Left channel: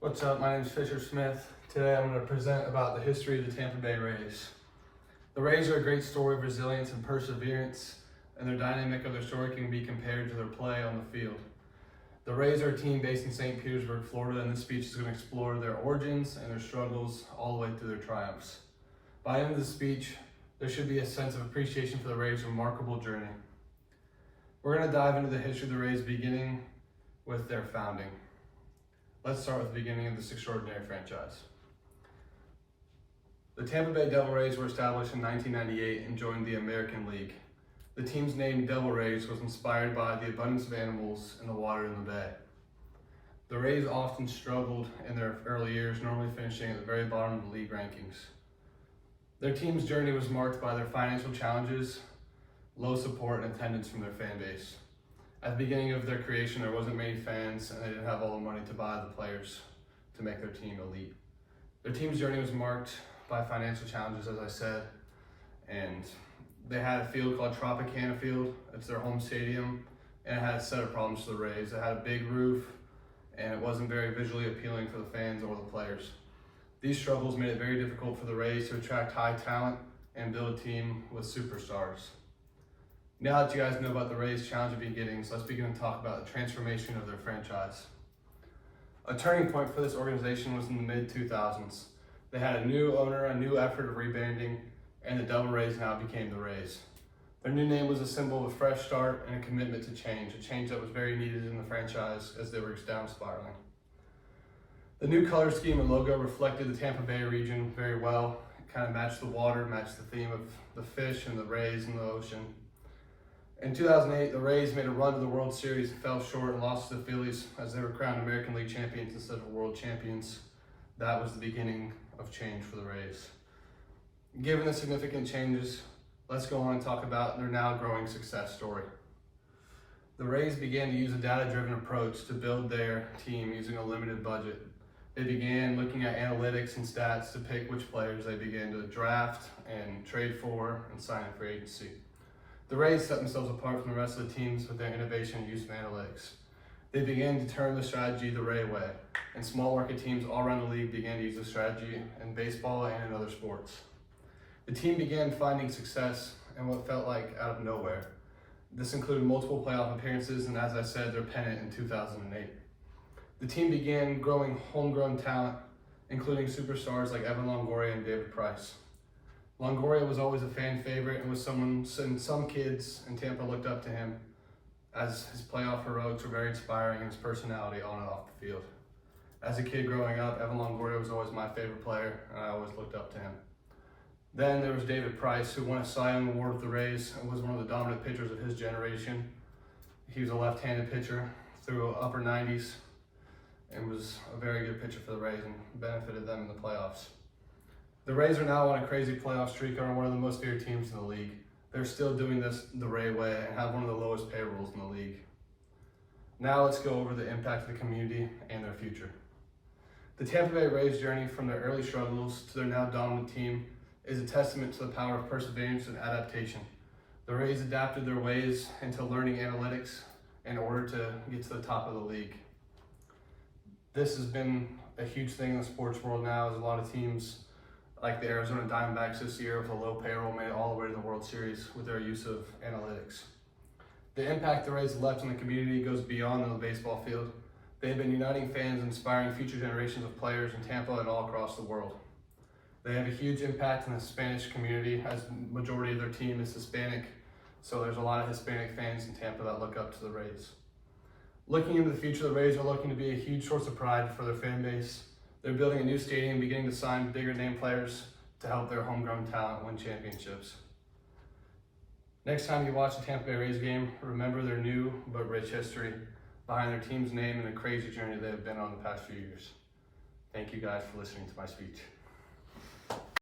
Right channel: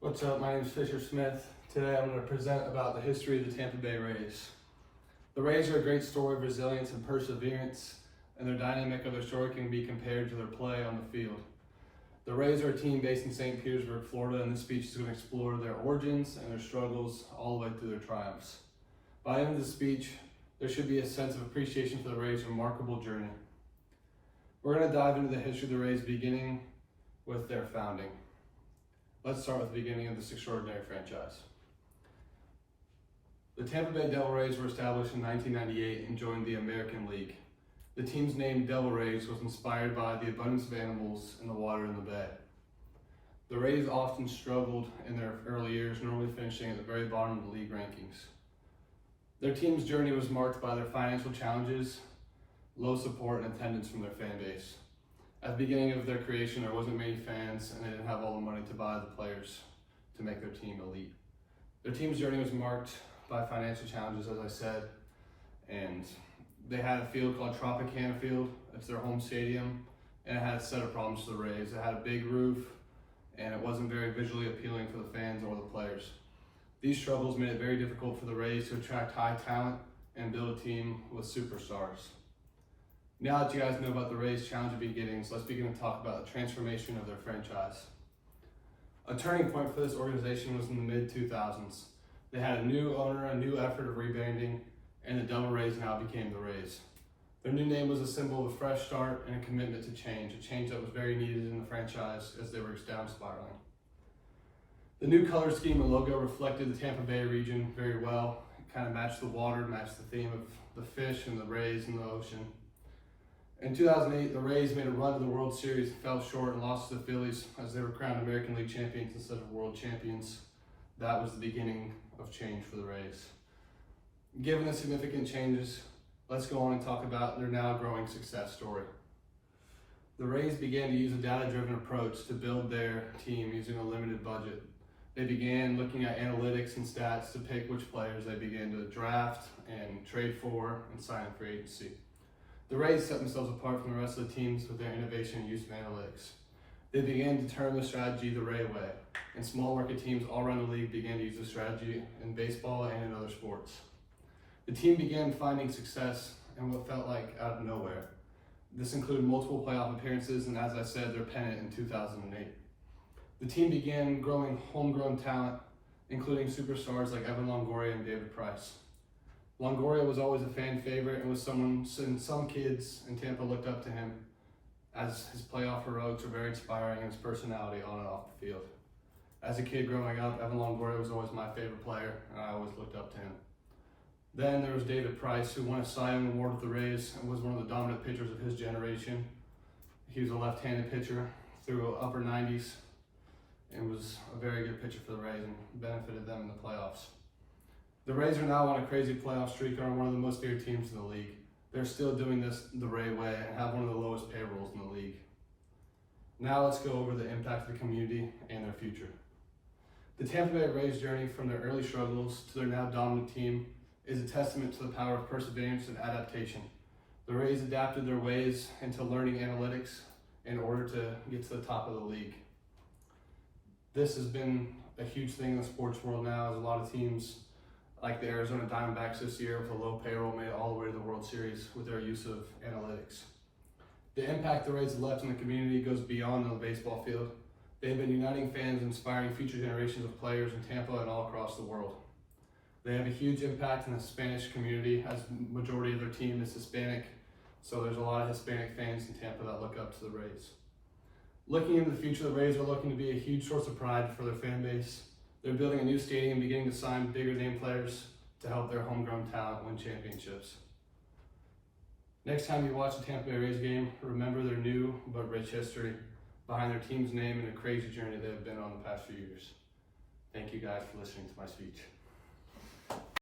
What's up? My name is Fisher Smith. Today I'm going to present about the history of the Tampa Bay Rays. The Rays are a great story of resilience and perseverance, and the dynamic of their story can be compared to their play on the field. The Rays are a team based in St. Petersburg, Florida, and this speech is going to explore their origins and their struggles all the way through their triumphs. By the end of the speech, there should be a sense of appreciation for the Rays' remarkable journey. We're going to dive into the history of the Rays beginning with their founding. Let's start with the beginning of this extraordinary franchise. The Tampa Bay Devil Rays were established in 1998 and joined the American League. The team's name, Devil Rays, was inspired by the abundance of animals in the water in the bay. The Rays often struggled in their early years, normally finishing at the very bottom of the league rankings. Their team's journey was marked by their financial challenges, low support, and attendance from their fan base. At the beginning of their creation, there wasn't many fans, and they didn't have all the money to buy the players to make their team elite. Their team's journey was marked by financial challenges, as I said, and they had a field called Tropicana Field. It's their home stadium, and it had a set of problems for the Rays. It had a big roof, and it wasn't very visually appealing for the fans or the players. These struggles made it very difficult for the Rays to attract high talent and build a team with superstars. Now that you guys know about the Rays' challenging beginnings, let's begin to talk about the transformation of their franchise. A turning point for this organization was in the mid-2000s. They had a new owner, a new effort of rebranding, and the Devil Rays now became the Rays. Their new name was a symbol of a fresh start and a commitment to change, a change that was very needed in the franchise as they were down spiraling. The new color scheme and logo reflected the Tampa Bay region very well. It kind of matched the water, matched the theme of the fish and the Rays in the ocean. In 2008, the Rays made a run to the World Series and fell short and lost to the Phillies as they were crowned American League champions instead of world champions. That was the beginning of change for the Rays. Given the significant changes, let's go on and talk about their now growing success story. The Rays began to use a data-driven approach to build their team using a limited budget. They began looking at analytics and stats to pick which players they began to draft and trade for and sign in free agency. The Rays set themselves apart from the rest of the teams with their innovation and use of analytics. They began to term the strategy the Ray way, and small market teams all around the league began to use the strategy in baseball and in other sports. The team began finding success in what felt like out of nowhere. This included multiple playoff appearances and, as I said, their pennant in 2008. The team began growing homegrown talent, including superstars like Evan Longoria and David Price. Longoria was always a fan favorite and was someone, and some kids in Tampa looked up to him as his playoff heroics were very inspiring and his personality on and off the field. As a kid growing up, Evan Longoria was always my favorite player, and I always looked up to him. Then there was David Price, who won a Cy Young Award with the Rays and was one of the dominant pitchers of his generation. He was a left-handed pitcher through upper 90s and was a very good pitcher for the Rays and benefited them in the playoffs. The Rays are now on a crazy playoff streak and are one of the most feared teams in the league. They're still doing this the Ray way and have one of the lowest payrolls in the league. Now let's go over the impact of the community and their future. The Tampa Bay Rays' journey from their early struggles to their now dominant team is a testament to the power of perseverance and adaptation. The Rays adapted their ways into learning analytics in order to get to the top of the league. This has been a huge thing in the sports world now, as a lot of teams like the Arizona Diamondbacks this year with a low payroll made it all the way to the World Series with their use of analytics. The impact the Rays have left in the community goes beyond the baseball field. They've been uniting fans, inspiring future generations of players in Tampa and all across the world. They have a huge impact in the Spanish community, as the majority of their team is Hispanic, so there's a lot of Hispanic fans in Tampa that look up to the Rays. Looking into the future, the Rays are looking to be a huge source of pride for their fan base. They're building a new stadium, beginning to sign bigger name players to help their homegrown talent win championships. Next time you watch a Tampa Bay Rays game, remember their new but rich history behind their team's name and the crazy journey they have been on the past few years. Thank you guys for listening to my speech.